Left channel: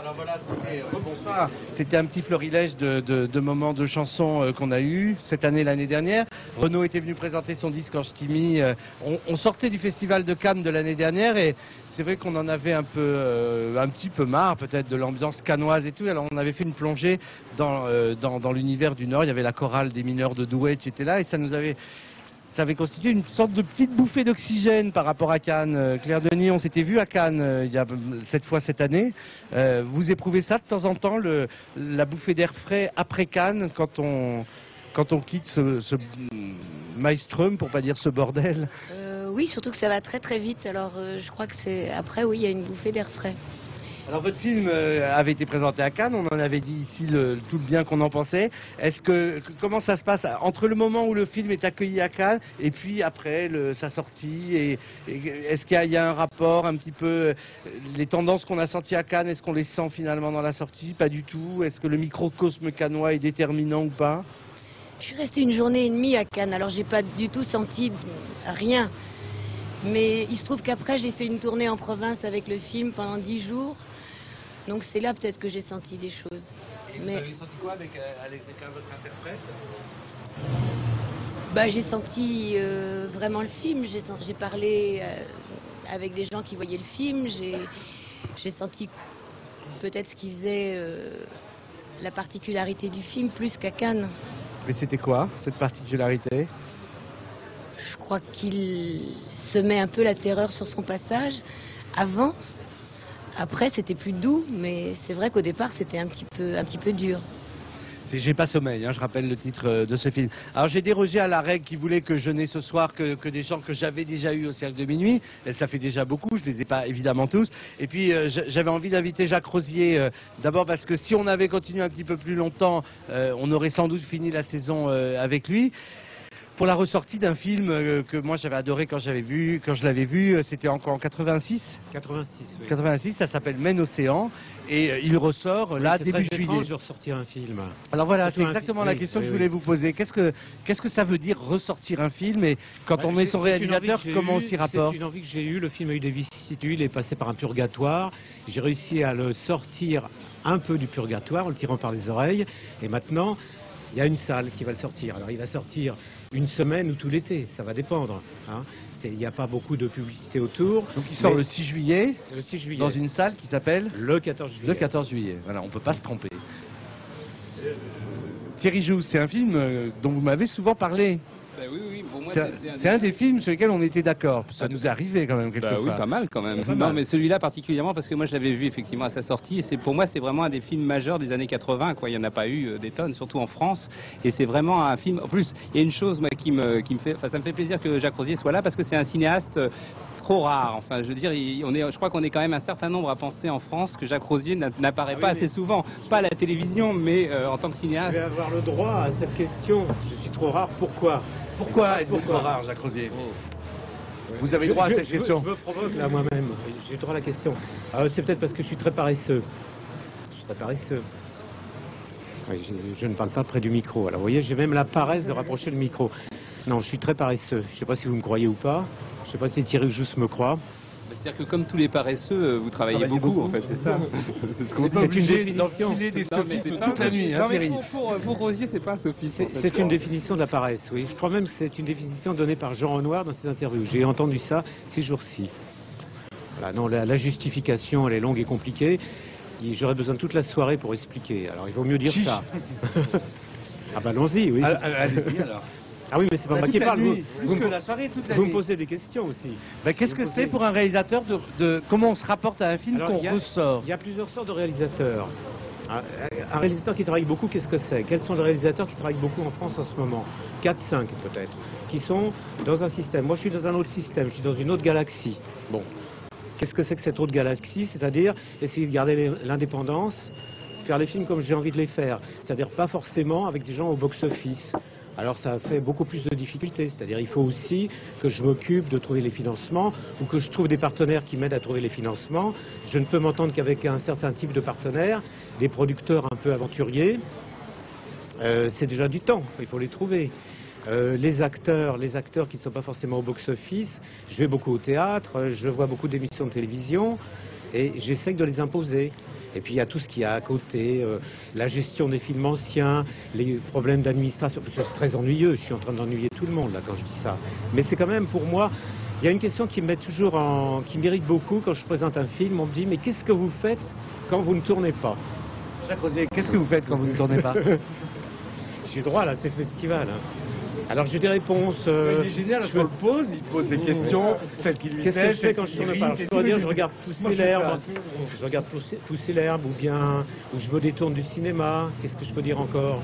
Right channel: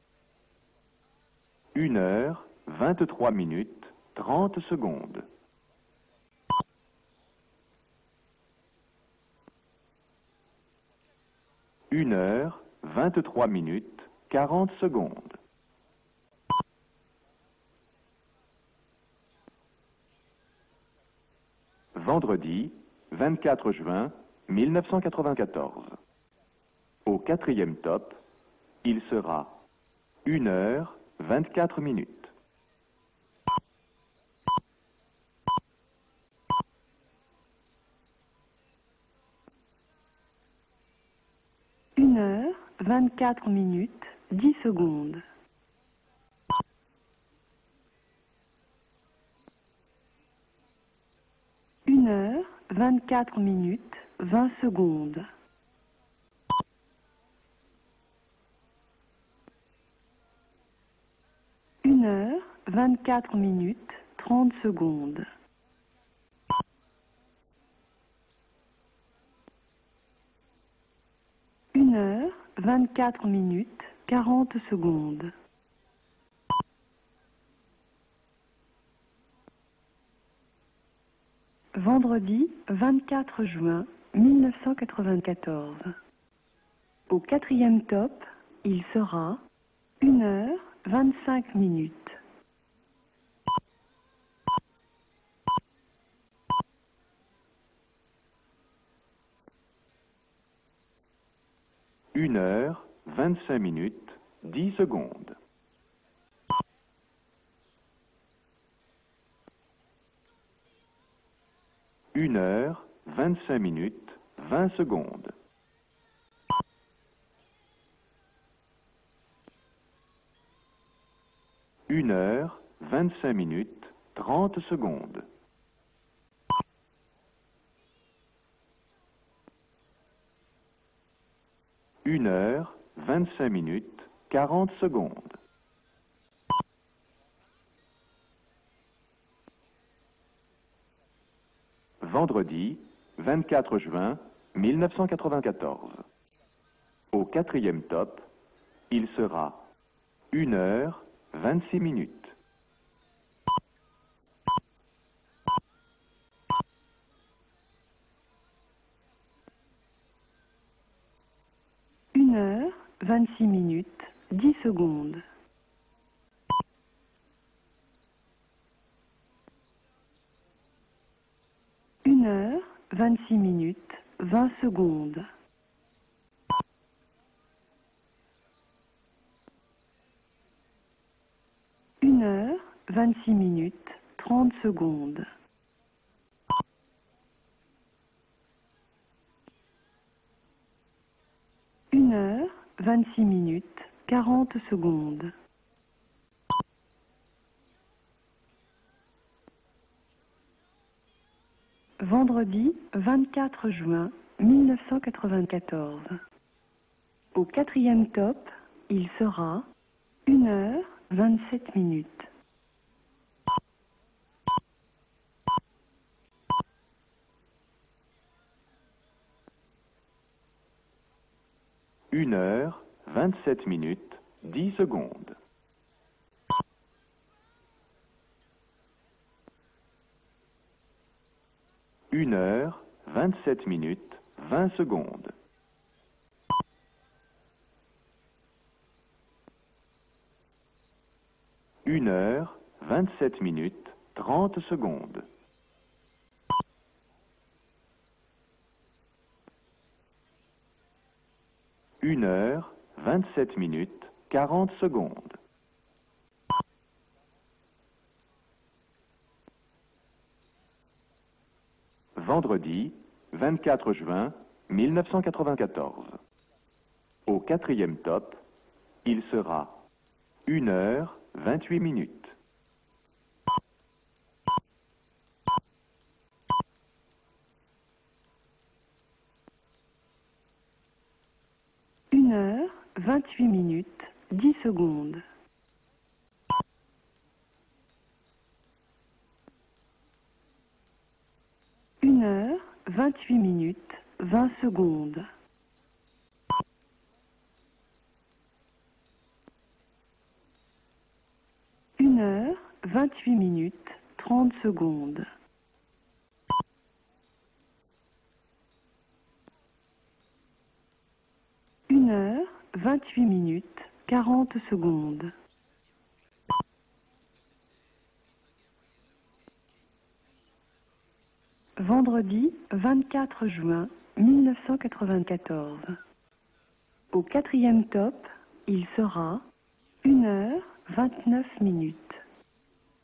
Alors voilà, bonsoir. C'était un petit florilège de moments de chansons qu'on a eu cette année, l'année dernière. Renaud était venu présenter son disque en ch'timi. On sortait du festival de Cannes de l'année dernière et c'est vrai qu'on en avait un petit peu marre peut-être de l'ambiance cannoise et tout. Alors on avait fait une plongée dans l'univers du Nord. Il y avait la chorale des mineurs de Douai qui était là et ça avait constitué une sorte de petite bouffée d'oxygène par rapport à Cannes. Claire Denis, on s'était vu à Cannes il y a cette année. Vous éprouvez ça de temps en temps, la bouffée d'air frais après Cannes, quand on quitte ce maelstrom, pour pas dire ce bordel? Oui, surtout que ça va très très vite, alors je crois que c'est après où il y a une bouffée d'air frais. Alors votre film avait été présenté à Cannes, on en avait dit ici tout le bien qu'on en pensait. Comment ça se passe entre le moment où le film est accueilli à Cannes et puis après sa sortie est-ce qu'il y a un rapport un petit peu, les tendances qu'on a senties à Cannes, est-ce qu'on les sent finalement dans la sortie? Pas du tout. Est-ce que le microcosme cannois est déterminant ou pas? 30 secondes. Je suis restée une journée et demie à Cannes, alors j'ai pas du tout senti rien. Mais il se trouve qu'après j'ai fait une tournée en province avec le film pendant 10 jours. 40 donc secondes. c'est là peut-être que j'ai senti des choses. Vous avez senti quoi avec votre interprète? J'ai senti vraiment le film, j'ai parlé avec des gens qui voyaient le film. Au quatrième top, j'ai senti sera peut-être ce qu'ils disaient 25 minutes. la particularité du film plus qu'à Cannes. Mais c'était quoi cette particularité? Je crois qu'il se met un peu la terreur sur son passage. Avant, après c'était plus doux, mais c'est vrai qu'au départ c'était un petit peu dur. C'est J'ai pas sommeil, je rappelle le titre de ce film. Alors j'ai dérogé à la règle qui voulait que je n'ai ce soir que des gens que j'avais déjà eu au Cercle de Minuit. Et ça fait déjà beaucoup, je les ai pas évidemment tous. Et puis j'avais envie d'inviter Jacques Rosier, d'abord parce que si on avait continué un petit peu plus longtemps, on aurait sans doute fini la saison avec lui. Pour la ressortie d'un film que moi j'avais adoré quand je l'avais vu, c'était encore en 86. 86, ça s'appelle Men Océan. Et il ressort là début juillet. De ressortir un film. Alors voilà, c'est exactement la question que je voulais vous poser. Qu'est-ce que ça veut dire ressortir un film? Et quand on met son réalisateur, comment on s'y rapporte? J'ai eu, le film a eu des vicissitudes, il est passé par un purgatoire. J'ai réussi à le sortir un peu du purgatoire en tirant par les oreilles. Et maintenant, il y a une salle qui va le sortir. Alors il va sortir une semaine ou tout l'été, ça va dépendre. Il n'y a pas beaucoup de publicité autour. Donc il sort le 6 juillet, dans une salle qui s'appelle le 14 juillet. Voilà, on ne peut pas se tromper. Thierry Jousse, c'est un film dont vous m'avez souvent parlé. Oui. C'est un des films sur lesquels on était d'accord. Ça nous est arrivé quand même quelquefois. Oui, pas mal quand même. Non, mais celui-là particulièrement parce que moi je l'avais vu effectivement à sa sortie et pour moi c'est vraiment un des films majeurs des années 80. Il n'y en a pas eu des tonnes, surtout en France. Et c'est vraiment un film. En plus, il y a une chose moi, qui me fait, ça me fait plaisir que Jacques Rosier soit là parce que c'est un cinéaste trop rare. Enfin, je veux dire, je crois qu'on est quand même un certain nombre à penser en France que Jacques Rosier n'apparaît pas assez souvent, pas à la télévision, mais en tant que cinéaste. Je vais avoir le droit à cette question. Je suis trop rare. Pourquoi? Pourquoi êtes-vous trop rare, Jacques Rosier? 24 juin. Vous avez le droit à cette question. Je me provoque là moi-même. J'ai le droit à la question. C'est peut-être parce que je suis très paresseux. 1h27 minutes. Oui, je ne parle pas près du micro. Alors vous voyez, j'ai même la paresse de rapprocher le micro. Non, je suis très paresseux. Je ne sais pas si vous me croyez ou pas. Je ne sais pas si Thierry Jousse me croit. C'est-à-dire que comme tous les paresseux, vous travaillez beaucoup en fait. C'est une définition. Toute la nuit, Thierry. Pour Rosier, c'est pas un sophisme. C'est une définition de la paresse, oui. Je crois même que c'est une définition donnée par Jean Renoir dans cette interview. J'ai entendu ça ces jours-ci. Non, la justification, elle est longue et compliquée. J'aurais besoin de toute la soirée pour expliquer. Alors il vaut mieux dire ça. 27 minutes. Ah bah allons-y, oui. Allez-y alors. Ah oui, mais c'est pas moi qui parle. Vous me me posez des questions aussi. Qu'est-ce que c'est pour un réalisateur comment on se rapporte à un film quand on ressort? Il y a plusieurs sortes de réalisateurs. Un réalisateur qui travaille beaucoup, qu'est-ce que c'est? Quels sont les réalisateurs qui travaillent beaucoup en France en ce moment? 4, 5 peut-être. Qui sont dans un système. Moi je suis dans un autre système, je suis dans une autre galaxie. Bon. Qu'est-ce que c'est que cette autre galaxie? C'est-à-dire essayer de garder l'indépendance, faire des films comme j'ai envie de les faire. C'est-à-dire pas forcément avec des gens au box-office. Alors ça fait beaucoup plus de difficultés, c'est-à-dire il faut aussi que je m'occupe de trouver les financements ou que je trouve des partenaires qui m'aident à trouver les financements. Je ne peux m'entendre qu'avec un certain type de partenaires, des producteurs un peu aventuriers. C'est déjà du temps, il faut les trouver. Les acteurs qui ne sont pas forcément au box-office, je vais beaucoup au théâtre, je vois beaucoup d'émissions de télévision et j'essaie de les imposer. Et puis il y a tout ce qu'il y a à côté, la gestion des films anciens, les problèmes d'administration. C'est très ennuyeux, je suis en train d'ennuyer tout le monde là quand je dis ça. Mais c'est quand même pour moi, il y a une question qui me met toujours qui m'irrite beaucoup quand je présente un film. On me dit mais qu'est-ce que vous faites quand vous ne tournez pas? Jacques Rosier, qu'est-ce que vous faites quand vous ne tournez pas? J'ai droit là, c'est le festival. Alors j'ai des réponses. Génial, je me pose, il pose des questions. Qu'est-ce que je fais quand je tourne pas? Je dois dire, je regarde Tousser l'herbe, je regarde Tousser l'herbe, ou bien je me détourne du cinéma. Qu'est-ce que je peux dire encore?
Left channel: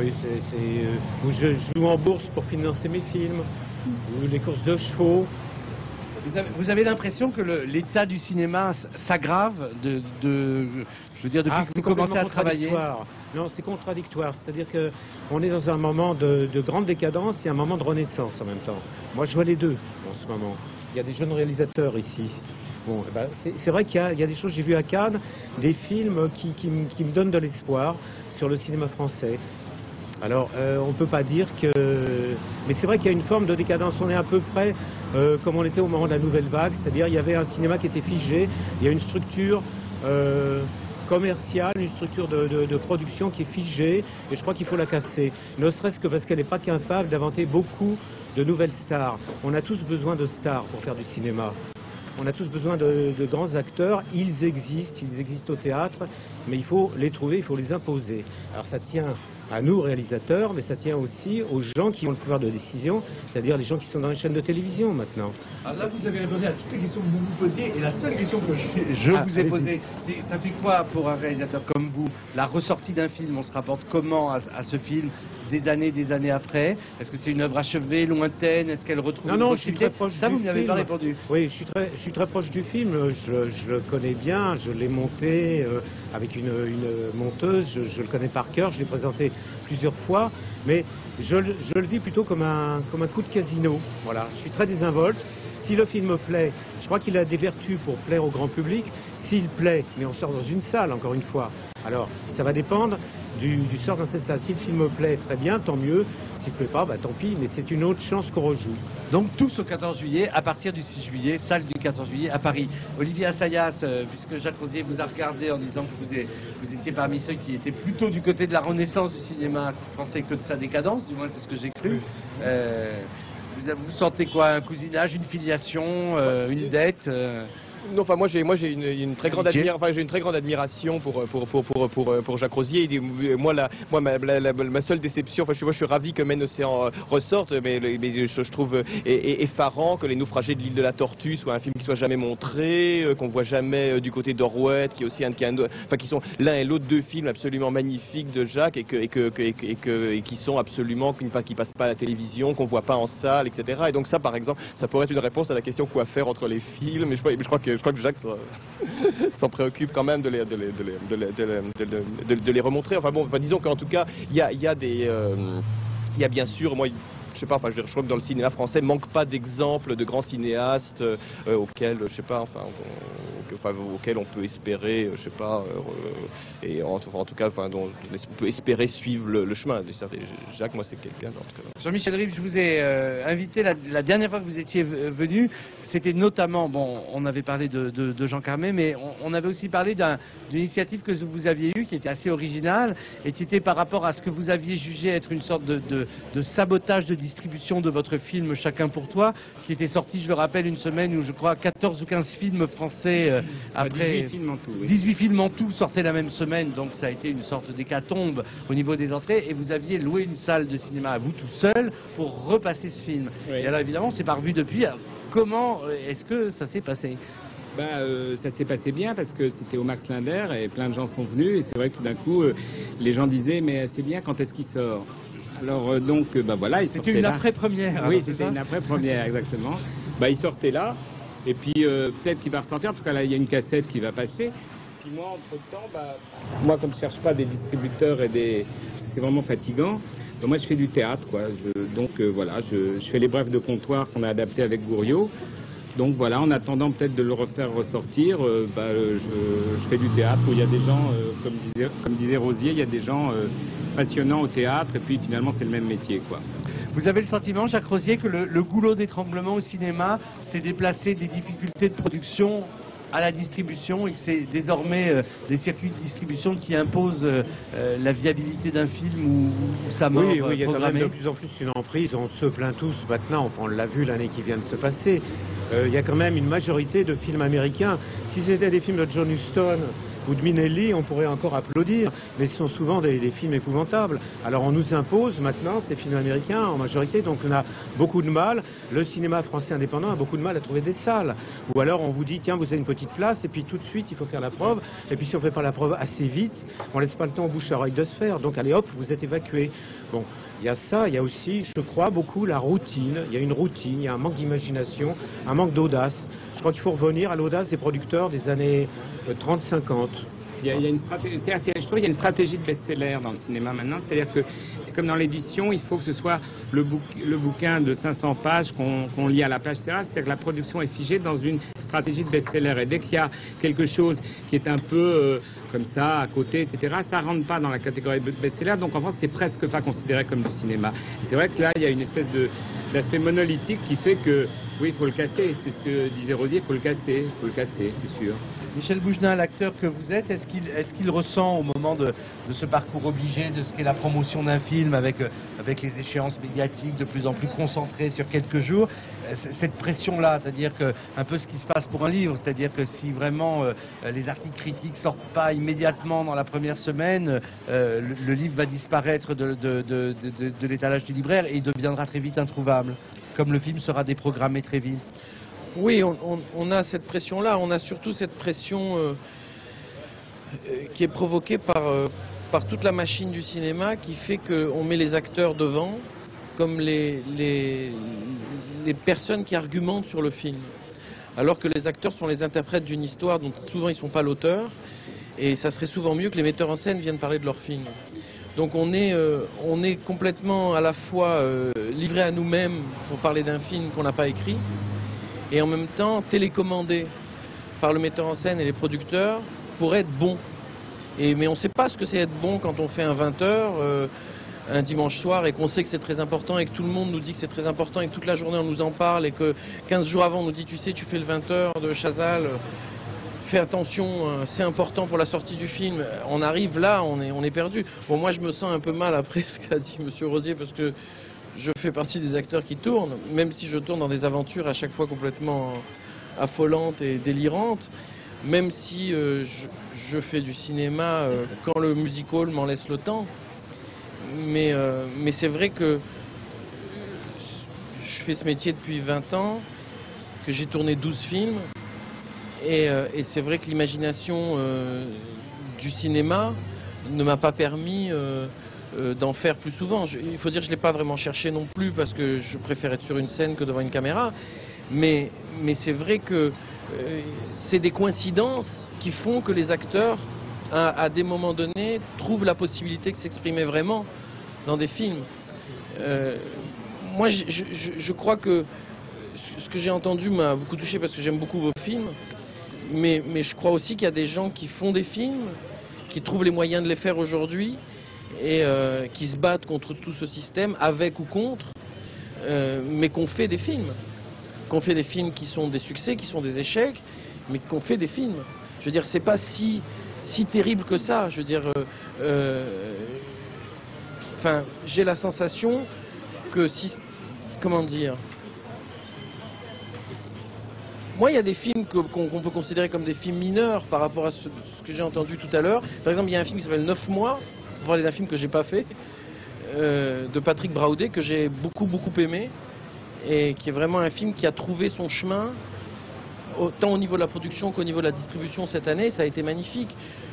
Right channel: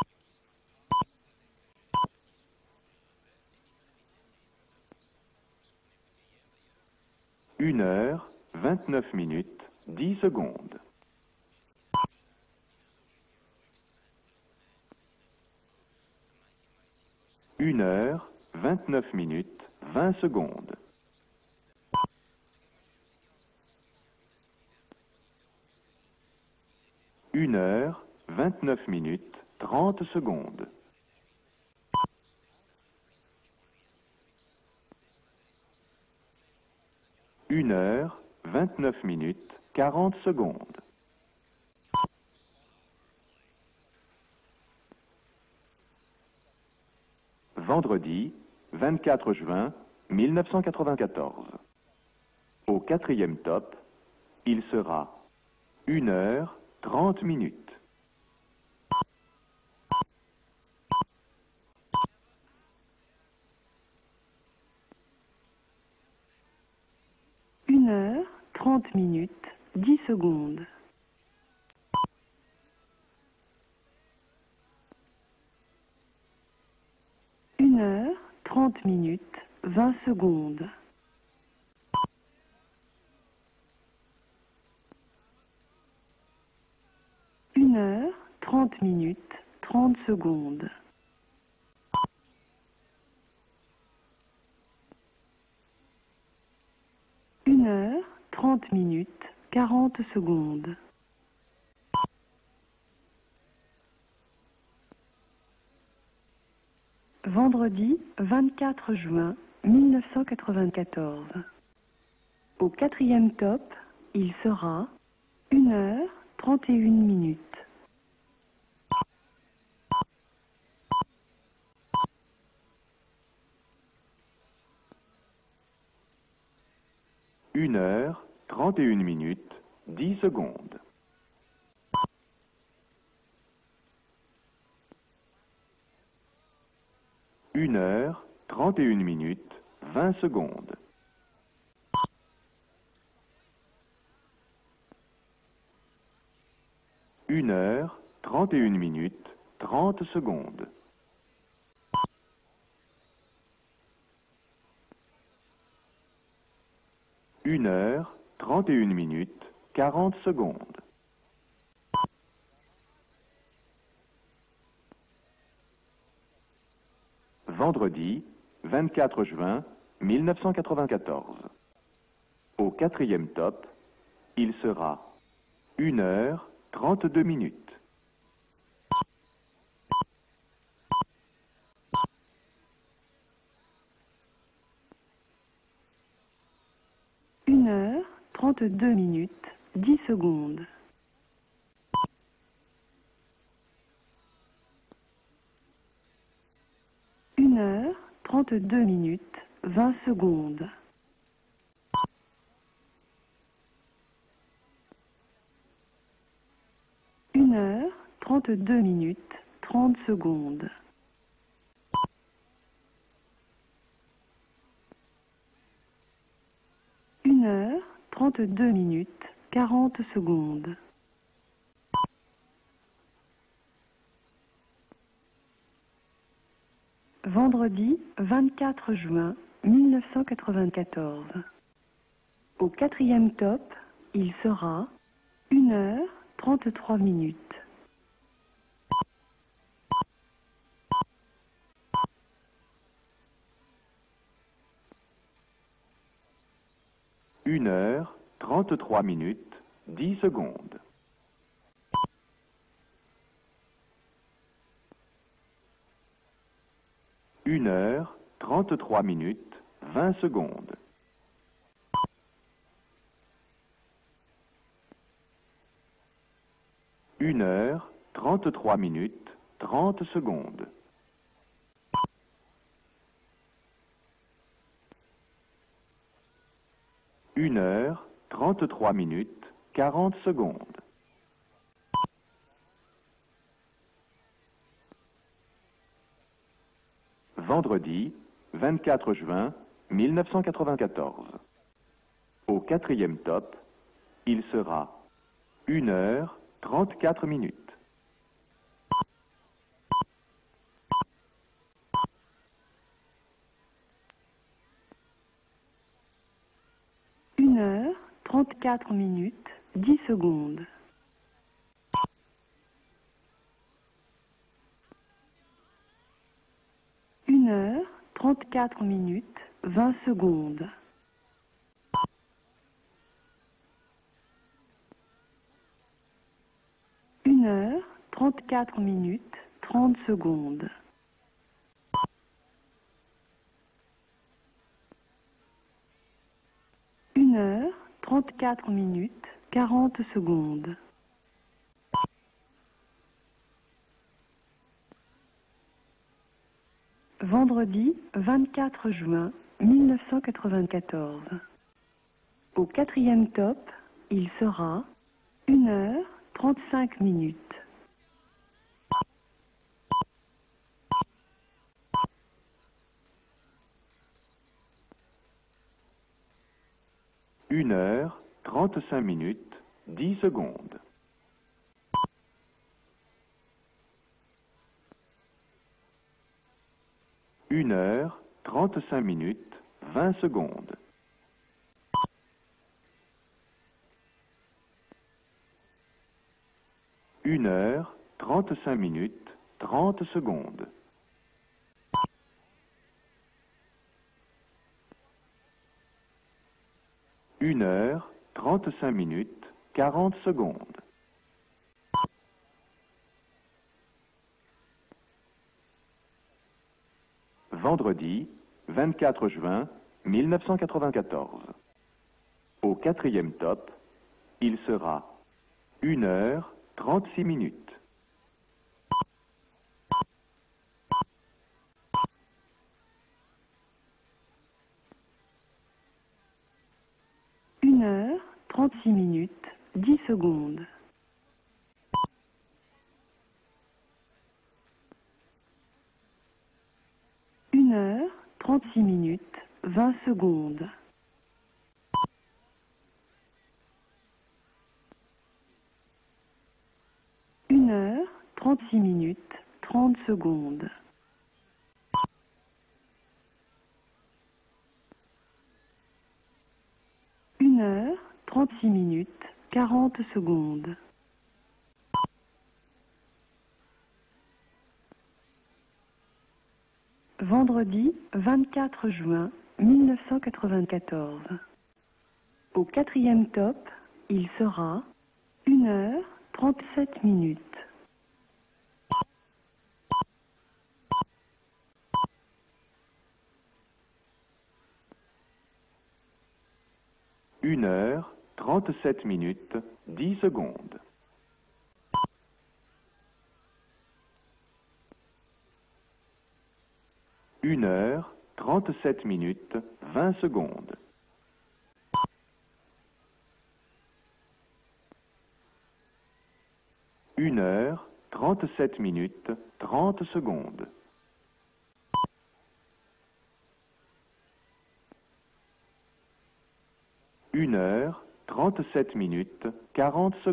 Oui, où je joue en bourse pour financer mes films, ou les courses de chevaux. Vous avez l'impression que l'état du cinéma s'aggrave je veux dire, depuis que vous commencez à travailler? Non, c'est contradictoire. C'est-à-dire qu'on est dans un moment de grande décadence et un moment de renaissance en même temps. Moi, je vois les deux. Il y a des jeunes réalisateurs ici. Bon, c'est vrai qu'il y a des choses, j'ai vu à Cannes, des films qui me donnent de l'espoir sur le cinéma français. Alors, on ne peut pas dire que... Mais c'est vrai qu'il y a une forme de décadence. On est à peu près comme on était au moment de la nouvelle vague, c'est-à-dire il y avait un cinéma qui était figé, il y a une structure commerciale, une structure de production qui est figée, et je crois qu'il faut la casser. Ne serait-ce que parce qu'elle n'est pas capable d'inventer beaucoup de nouvelles stars. On a tous besoin de stars pour faire du cinéma. On a tous besoin de grands acteurs, ils existent au théâtre, mais il faut les trouver, il faut les imposer. Alors ça tient à nous, réalisateurs, mais ça tient aussi aux gens qui ont le pouvoir de décision, c'est-à-dire les gens qui sont dans les chaînes de télévision maintenant. Alors là, vous avez répondu à toutes les questions que vous vous posiez, et la seule question que je vous ai posée, c'est ça fait quoi pour un réalisateur comme vous, la ressortie d'un film? On se rapporte comment à ce film des années après? Est-ce que c'est une œuvre achevée, lointaine? Est-ce qu'elle retrouve... Non, je suis très proche. Ça, vous n'avez pas répondu. Oui, je suis très proche du film. Je le connais bien. Je l'ai monté avec une monteuse. Je le connais par cœur. Je l'ai présenté plusieurs fois. Mais je le vis plutôt comme un coup de casino. Voilà. Je suis très désinvolte. Si le film plaît, je crois qu'il a des vertus pour plaire au grand public. S'il plaît, mais on sort dans une salle, encore une fois. Alors, ça va dépendre du sort dans cette salle. Si le film plaît, très bien, tant mieux. S'il ne plaît pas, tant pis, mais c'est une autre chance qu'on rejoue. Donc tous au 14 juillet, à partir du 6 juillet, salle du 14 juillet à Paris. Olivier Assayas, puisque Jacques Rosier vous a regardé en disant que vous étiez parmi ceux qui étaient plutôt du côté de la renaissance du cinéma français que de sa décadence, du moins c'est ce que j'ai cru. Vous sentez quoi? Un cousinage, une filiation, une dette? Non, enfin moi j'ai une très grande admiration pour Jacques Rosier. Moi ma seule déception, moi je suis ravi que Men Océan ressorte, mais je trouve effarant que Les Naufragés de l'île de la Tortue soit un film qui soit jamais montré, qu'on voit jamais du côté d'Orwell, qui est aussi qui sont l'un et l'autre deux films absolument magnifiques de Jacques et qui sont absolument qui passent pas à la télévision, qu'on voit pas en salle, etc. Et donc ça, par exemple, ça pourrait être une réponse à la question quoi faire entre les films. Mais je crois que Jacques s'en préoccupe quand même de les remontrer. Enfin bon, disons qu'en tout cas, il y a bien sûr, moi, je sais pas, je crois que dans le cinéma français, il ne manque pas d'exemples de grands cinéastes auxquels, je sais pas, auxquels on peut espérer, je sais pas, et en tout cas, dont on peut espérer suivre le chemin. Jacques, moi, c'est quelqu'un d'autre. Jean-Michel Rive, je vous ai invité la dernière fois que vous étiez venu. C'était notamment, bon, on avait parlé de Jean Carmet, mais on avait aussi parlé d'une initiative que vous aviez eue, qui était assez originale, et qui était par rapport à ce que vous aviez jugé être une sorte de sabotage de distribution de votre film Chacun pour toi, qui était sorti, je le rappelle, une semaine où je crois 14 ou 15 films français, après 18 films en tout sortaient la même semaine, donc ça a été une sorte d'hécatombe au niveau des entrées, et vous aviez loué une salle de cinéma à vous tout seul pour repasser ce film. Et alors évidemment, c'est pas revu depuis. Comment est-ce que ça s'est passé? Ça s'est passé bien parce que c'était au Max Linder et plein de gens sont venus, et c'est vrai que tout d'un coup, les gens disaient mais c'est bien, quand est-ce qu'il sort? Alors donc, voilà, il sortait là. C'était une après-première. Oui, c'était une après-première, exactement. Il sortait là, et puis peut-être qu'il va ressortir, parce qu'il y a une cassette qui va passer. Puis moi, comme je ne cherche pas des distributeurs c'est vraiment fatigant. Donc moi, je fais du théâtre, quoi. Je fais les brefs de comptoir qu'on a adaptés avec Gouriot. Donc voilà, en attendant peut-être de le refaire ressortir, je fais du théâtre où il y a des gens, comme disait Rosier, il y a des gens passionnants au théâtre, et puis finalement c'est le même métier, quoi. Vous avez le sentiment, Jacques Rosier, que le goulot d'étranglement au cinéma s'est déplacé des difficultés de production à la distribution et que c'est désormais des circuits de distribution qui imposent la viabilité d'un film ou sa mort Oui, il y a quand même programmée. de plus en plus une emprise, on se plaint tous maintenant, enfin on l'a vu l'année qui vient de se passer. Il y a quand même une majorité de films américains. Si c'était des films de John Huston ou de Minelli, on pourrait encore applaudir, mais ce sont souvent des films épouvantables. Alors on nous impose maintenant ces films américains en majorité, donc on a beaucoup de mal. Le cinéma français indépendant a beaucoup de mal à trouver des salles. Ou alors on vous dit, tiens, vous avez une petite place, et puis tout de suite il faut faire la preuve. Et puis si on ne fait pas la preuve assez vite, on laisse pas le temps au bouche-à-oreille de se faire. Donc allez hop, vous êtes évacué. Bon. Il y a ça, il y a aussi, je crois, beaucoup la routine. Il y a une routine, il y a un manque d'imagination, un manque d'audace. Je crois qu'il faut revenir à l'audace des producteurs des années 30-50. Il y a une stratégie, je trouve qu'il y a une stratégie de best-seller dans le cinéma maintenant. C'est-à-dire que c'est comme dans l'édition, il faut que ce soit le bouquin de 500 pages qu'on lit à la page, etc. C'est-à-dire que la production est figée dans une stratégie de best-seller. Et dès qu'il y a quelque chose qui est un peu comme ça, à côté, etc., ça ne rentre pas dans la catégorie de best-seller. Donc en fait, c'est presque pas considéré comme du cinéma. Et c'est vrai que là, il y a une espèce d'aspect monolithique qui fait que, oui, il faut le casser. C'est ce que disait Rosier, il faut le casser. Il faut le casser, c'est sûr. Michel Bougenat, l'acteur que vous êtes, est-ce qu'il ressent au moment de ce parcours obligé, de ce qu'est la promotion d'un film avec les échéances médiatiques de plus en plus concentrées sur quelques jours, cette pression-là, c'est-à-dire que un peu ce qui se passe pour un livre, c'est-à-dire que si vraiment les articles critiques sortent pas immédiatement dans la première semaine, le livre va disparaître de l'étalage du libraire et il deviendra très vite introuvable, comme le film sera déprogrammé très vite. Oui, on a cette pression-là, on a surtout cette pression qui est provoquée par toute la machine du cinéma qui fait qu'on met les acteurs devant comme les personnes qui argumentent sur le film. Alors que les acteurs sont les interprètes d'une histoire dont souvent ils ne sont pas l'auteur. Et ça serait souvent mieux que les metteurs en scène viennent parler de leur film. Donc on est complètement à la fois livré à nous-mêmes pour parler d'un film qu'on n'a pas écrit, et en même temps télécommandé par le metteur en scène et les producteurs pour être bon. Mais on ne sait pas ce que c'est être bon quand on fait un 20h un dimanche soir et qu'on sait que c'est très important et que tout le monde nous dit que c'est très important et que toute la journée on nous en parle et que 15 jours avant on nous dit tu sais tu fais le 20h de Chazal, fais attention, c'est important pour la sortie du film. On arrive là, on est perdu. Bon, moi je me sens un peu mal après ce qu'a dit Monsieur Rosier parce que je fais partie des acteurs qui tournent, même si je tourne dans des aventures à chaque fois complètement affolantes et délirantes, même si je fais du cinéma quand le music-hall m'en laisse le temps. Mais c'est vrai que je fais ce métier depuis 20 ans, que j'ai tourné 12 films, et c'est vrai que l'imagination du cinéma ne m'a pas permis d'en faire plus souvent. Il faut dire que je ne l'ai pas vraiment cherché non plus, parce que je préfère être sur une scène que devant une caméra, mais c'est vrai que c'est des coïncidences qui font que les acteurs, à des moments donnés, trouvent la possibilité de s'exprimer vraiment dans des films. Moi, je crois que ce que j'ai entendu m'a beaucoup touché parce que j'aime beaucoup vos films. Mais je crois aussi qu'il y a des gens qui font des films, qui trouvent les moyens de les faire aujourd'hui et qui se battent contre tout ce système, avec ou contre, mais qu'on fait des films. Qu'on fait des films qui sont des succès, qui sont des échecs, mais qu'on fait des films. Je veux dire, c'est pas si terrible que ça. Je veux dire, enfin, j'ai la sensation que si... Comment dire ? 37 minutes, 20 secondes. Moi, il y a des films qu'on peut considérer comme des films mineurs par rapport à ce que j'ai entendu tout à l'heure. Par exemple, il y a un film qui s'appelle 9 mois, pour parler d'un film que j'ai pas fait, de Patrick Braoudet, que j'ai beaucoup aimé, et qui est vraiment un film qui a trouvé son chemin, autant au niveau de la production qu'au niveau de la distribution cette année. Ça a été magnifique.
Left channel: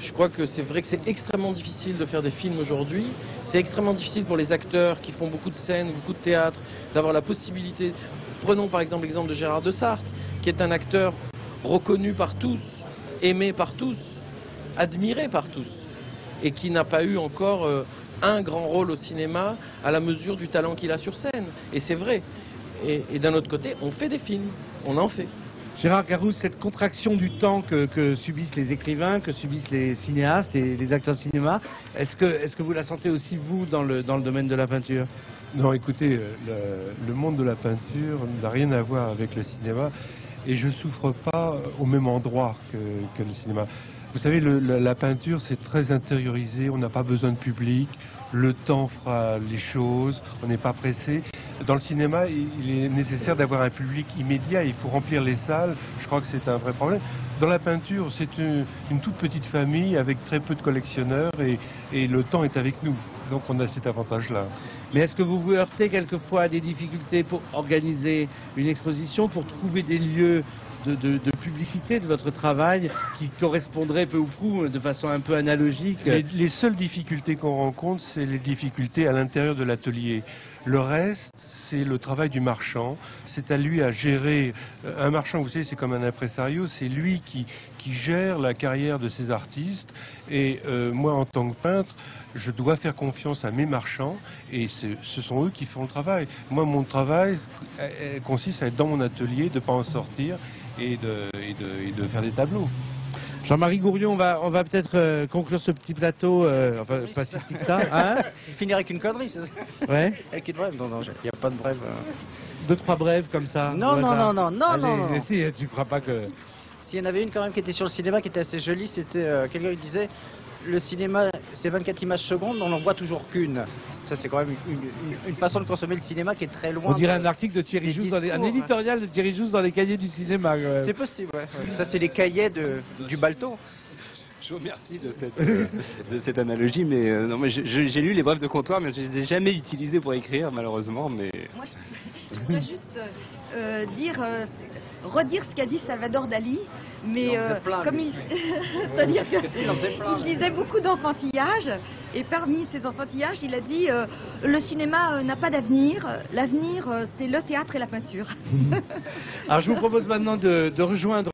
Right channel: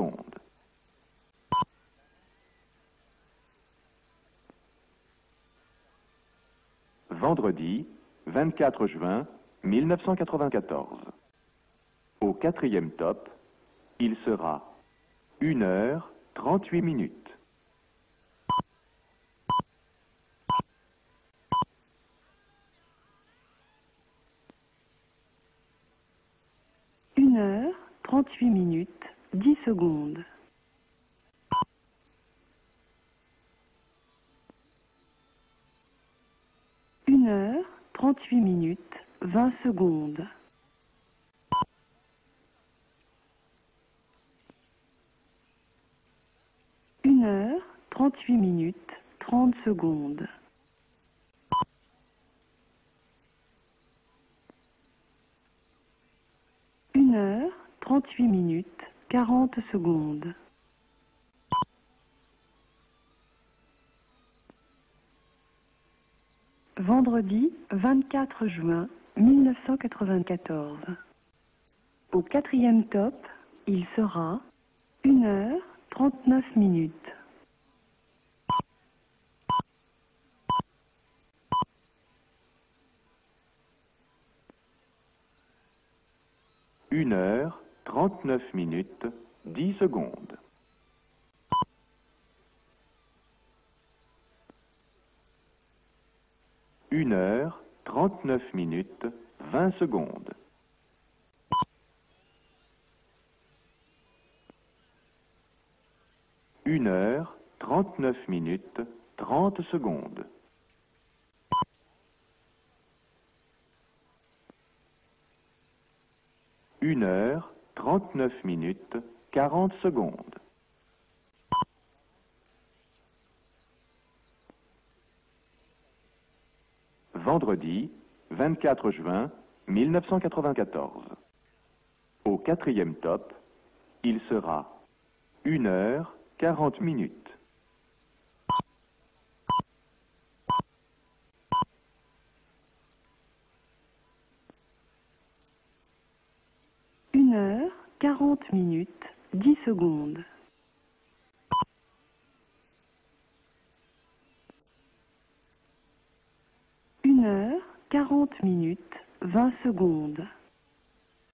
Je crois que c'est vrai que c'est extrêmement difficile de faire des films aujourd'hui. C'est extrêmement difficile pour les acteurs qui font beaucoup de scènes, beaucoup de théâtre, d'avoir la possibilité. Prenons par exemple l'exemple de Gérard Desailles, qui est un acteur reconnu par tous, aimé par tous, admiré par tous, et qui n'a pas eu encore un grand rôle au cinéma à la mesure du talent qu'il a sur scène. Et c'est vrai. Et d'un autre côté, on fait des films, on en fait. Gérard Garouste, cette contraction du temps que subissent les écrivains, que subissent les cinéastes et les acteurs de cinéma, est-ce que vous la sentez aussi, vous, dans le domaine de la peinture ? Non, écoutez, le monde de la peinture n'a rien à voir avec le cinéma et je souffre pas au même endroit que le cinéma. Vous savez, la peinture, c'est très intériorisé, on n'a pas besoin de public, le temps fera les choses, on n'est pas pressé. Dans le cinéma, il est nécessaire d'avoir un public immédiat, il faut remplir les salles, je crois que c'est un vrai problème. Dans la peinture, c'est une toute petite famille avec très peu de collectionneurs et le temps est avec nous, donc on a cet avantage-là. Mais est-ce que vous vous heurtez quelquefois à des difficultés pour organiser une exposition, pour trouver des lieux de publicité de votre travail qui correspondraient peu ou prou de façon un peu analogique? Les seules difficultés qu'on rencontre, c'est les difficultés à l'intérieur de l'atelier. Le reste, c'est le travail du marchand. C'est à lui à gérer. Un marchand, vous savez, c'est comme un impresario, c'est lui qui gère la carrière de ses artistes. Et moi, en tant que peintre, je dois faire confiance à mes marchands et ce sont eux qui font le travail. Moi, mon travail consiste à être dans mon atelier, de ne pas en sortir et de faire des tableaux. Jean-Marie Gourion, on va peut-être conclure ce petit plateau, pas si petit que ça. Hein, finir avec une connerie, ça. Ouais. Avec une brève, non, il n'y a pas de brève. 2-3 brèves comme ça. Non. Mais si, tu crois pas que... Il y en avait une quand même qui était sur le cinéma, qui était assez jolie, c'était quelqu'un qui disait le cinéma, c'est 24 images secondes, on n'en voit toujours qu'une. Ça, c'est quand même une façon de consommer le cinéma qui est très loin. On dirait un article de Thierry Jousse, un éditorial de Thierry Jousse dans les cahiers du cinéma. C'est possible, ouais. Ça, c'est les cahiers du Balto. Il sera. Je vous remercie de cette analogie, mais non, mais j'ai lu les brèves de comptoir, mais je ne les ai jamais utilisées pour écrire, malheureusement. Mais je voudrais juste redire ce qu'a dit Salvador Dali, mais comme c'est-à-dire qu'il disait beaucoup d'enfantillage, et parmi ces enfantillages, il a dit le cinéma n'a pas d'avenir, l'avenir c'est le théâtre et la peinture. Alors je vous propose maintenant de rejoindre